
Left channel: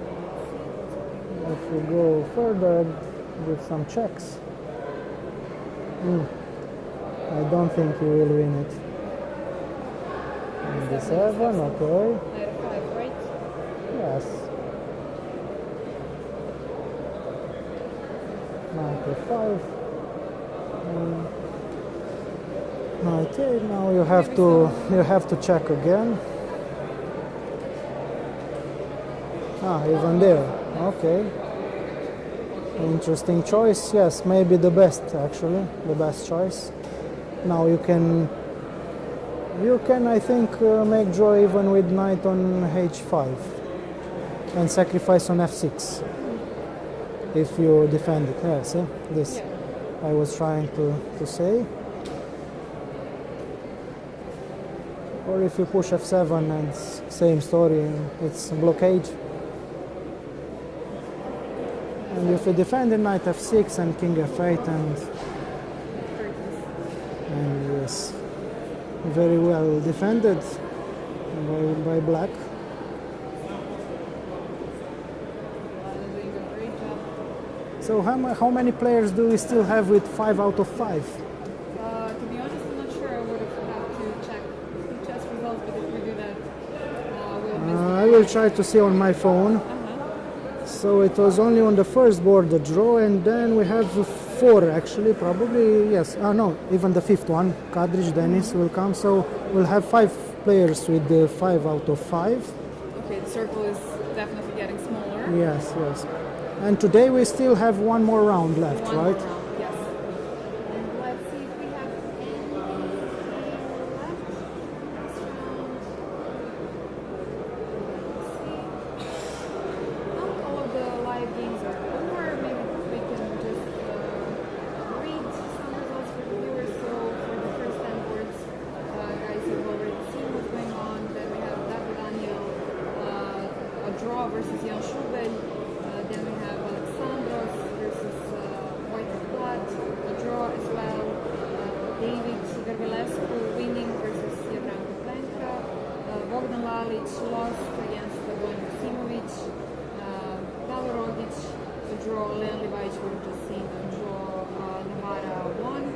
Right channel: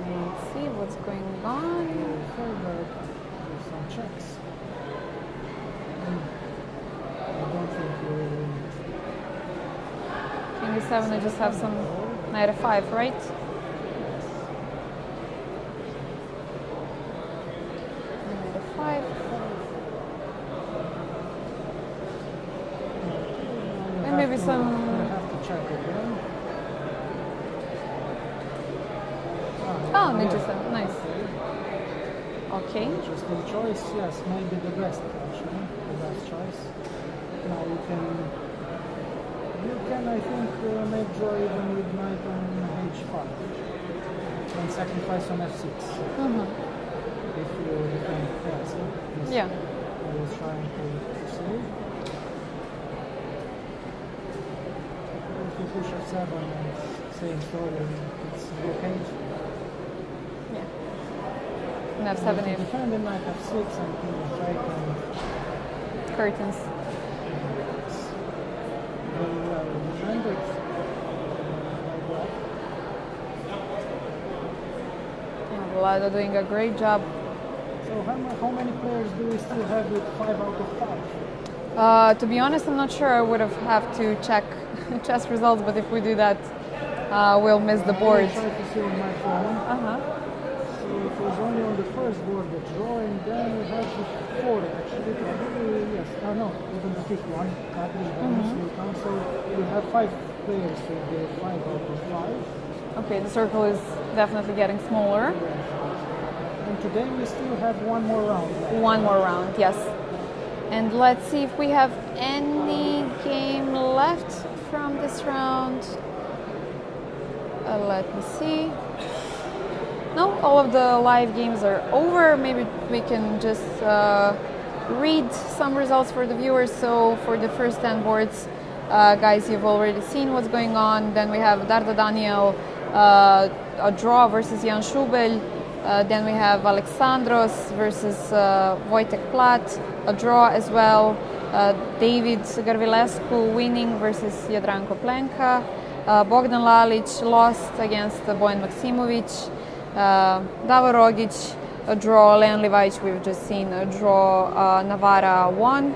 Let's see what's going If on. we go further with some checks, I don't think you will win it. King d7, you just have some okay. knight f5, right? Yes. Knight f5. F5. Okay, now you And have maybe to some- check again. Even Oh, there. interesting. Nice. Okay. Okay. Interesting choice. Yes, maybe the best actually, the best choice. Now you can I think make draw even with knight on h5 and sacrifice on f6 if you defend it. Yeah, see this. Yeah. I was trying to say. Or if you push f7 and same story, it's a blockade. And And if you f7 defend it, knight f6 and king f8 and curtains. yes, very well defended by black. Yeah, Vlada doing a great job. So how many players do we still have with 5 out of 5? To be honest, I'm not sure. I would have to check chess results, but if we do that, we'll miss the I will board. try to see on my phone. So it was only on the first board the draw, and then we have 4 actually, probably, yes. No, even the 5th one, Kadrich Denis will come. So we'll have 5 players with the 5 out of 5. Okay, the circle is definitely getting smaller. Yes, yes. And today we still have one more round left. One right? more round, yes. And let's see if we have any game left from this round. Let me see. No, all of the live games are over. Maybe we can just read some results for the viewers. So for the first 10 boards, guys you've already seen what's going on. Then we have Darda Daniel, a draw versus Jan Šubelj. Then we have Alexandros versus Wojtek Plat, a draw as well. David Garvilescu winning versus Jadranko Plenka. Bogdan Lalic lost against Bojan Maksimovic. Davor Rogic, a draw. Leon Livajic, we've just seen a draw. Navara won.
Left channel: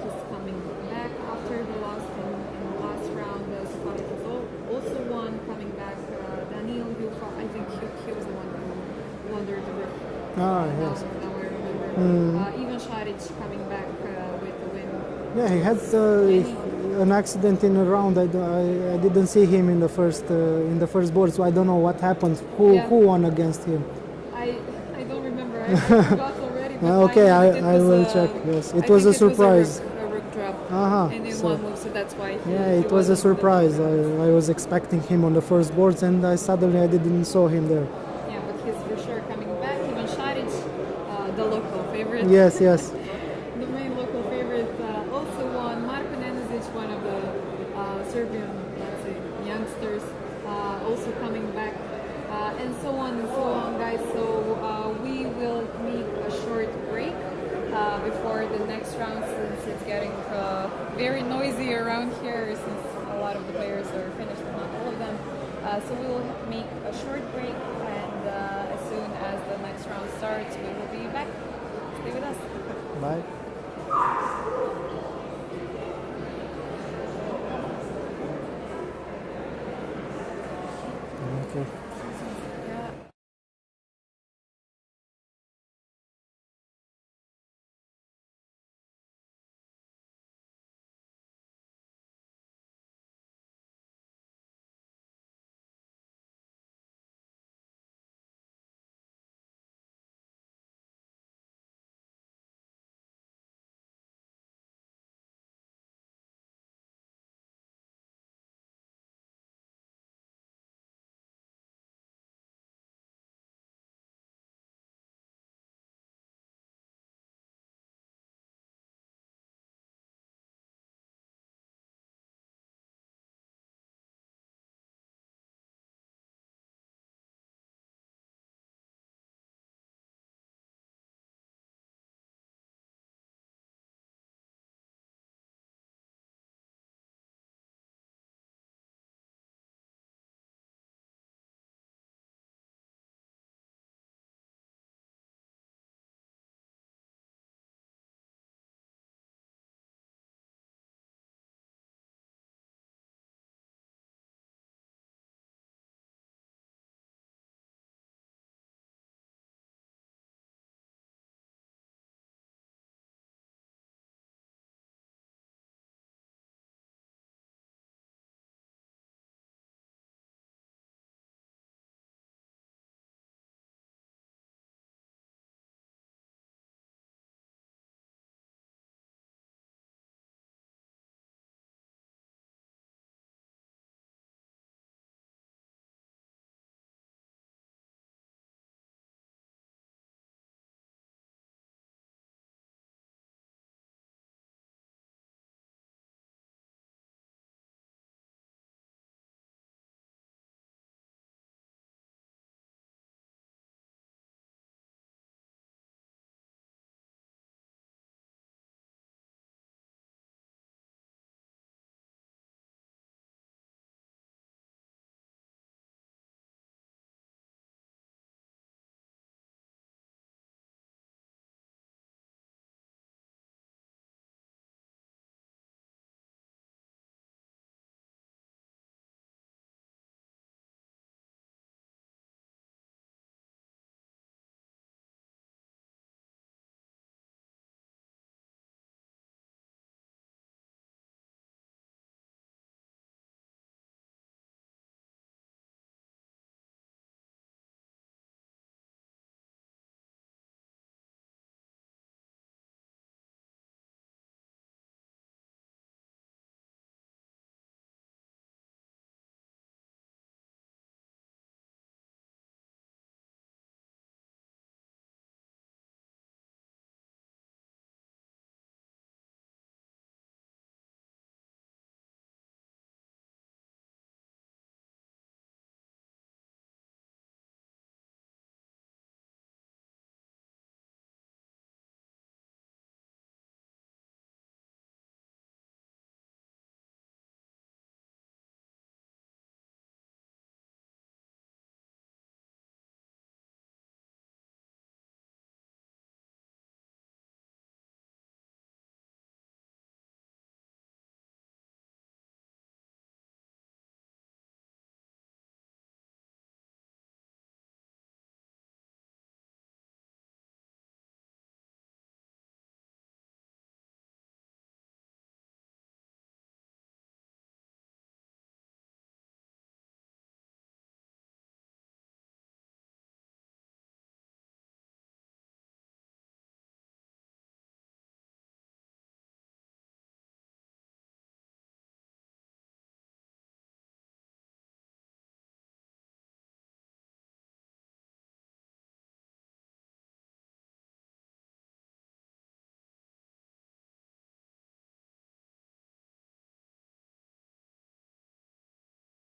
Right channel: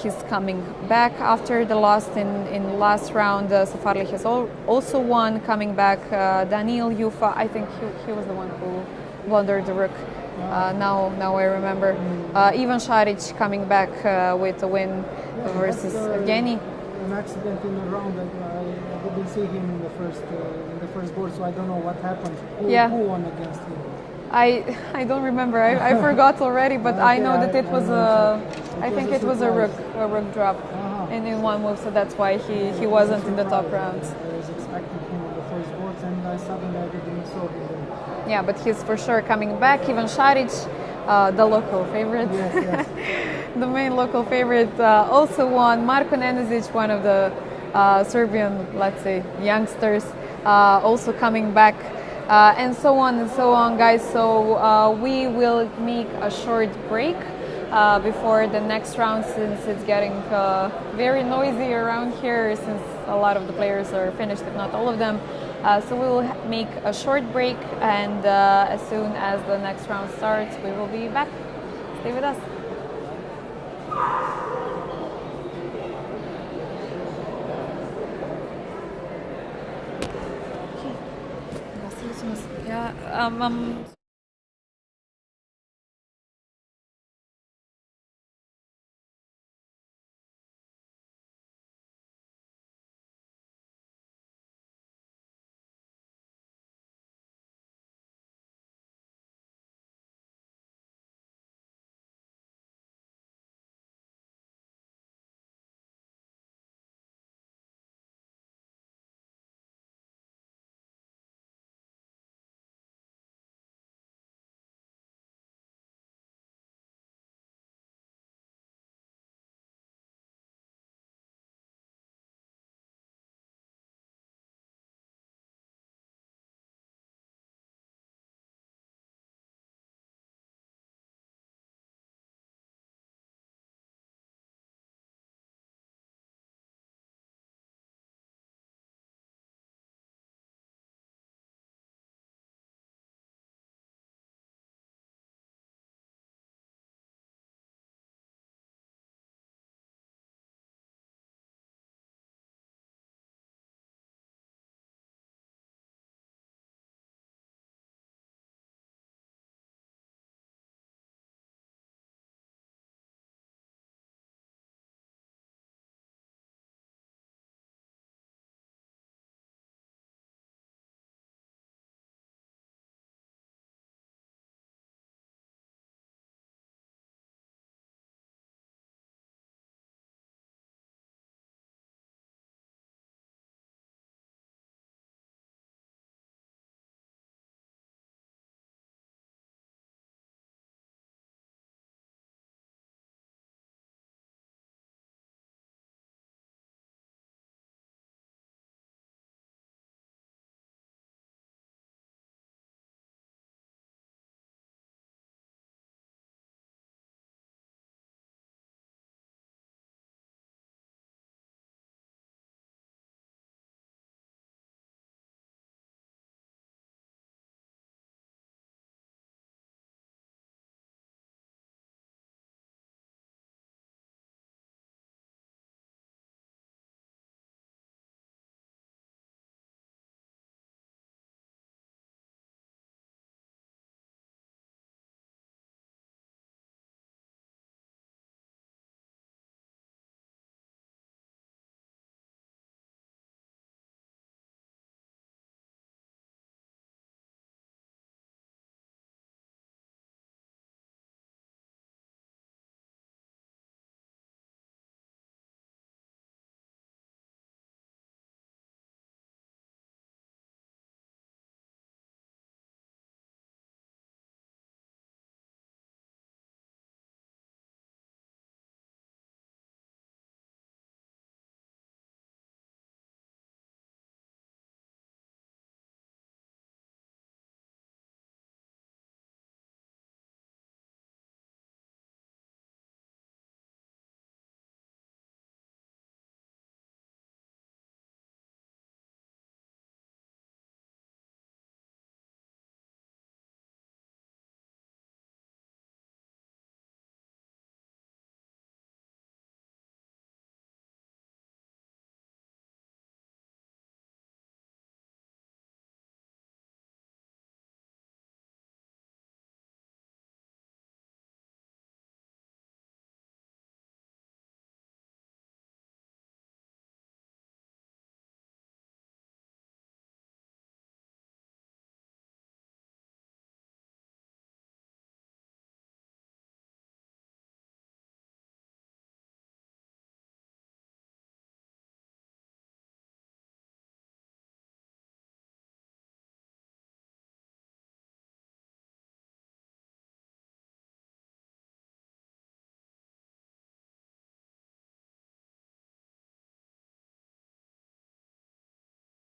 He's coming back after the loss in last round. Safarli has also won, coming back. Daniil Yufa, I think he was the one who blundered the rook. Now I remember. Ivan Šarić coming back with a win versus Evgeny. An accident in a round. I didn't see him in the first board, so I don't know what happened. Who won against him? I don't remember. I forgot already, but okay, I know that it was a surprise. A rook drop in one move, so that's why he it wasn't was a surprise. in the top rounds. I was expecting him on the first boards, and suddenly I didn't saw him there. Yeah, but he's for sure coming back. Ivan Šarić, the local favorite. Yes. The main local favorite also won. Marko Nenezić, one of the Serbian, let's say, youngsters, also coming back. And so on, guys. So we will make a short break before the next round, since it's getting very noisy around here, since a lot of the players are finished, if not all of them. So we will make a short break, and as soon as the next round starts, we will be back. Stay with us. Bye. Ja,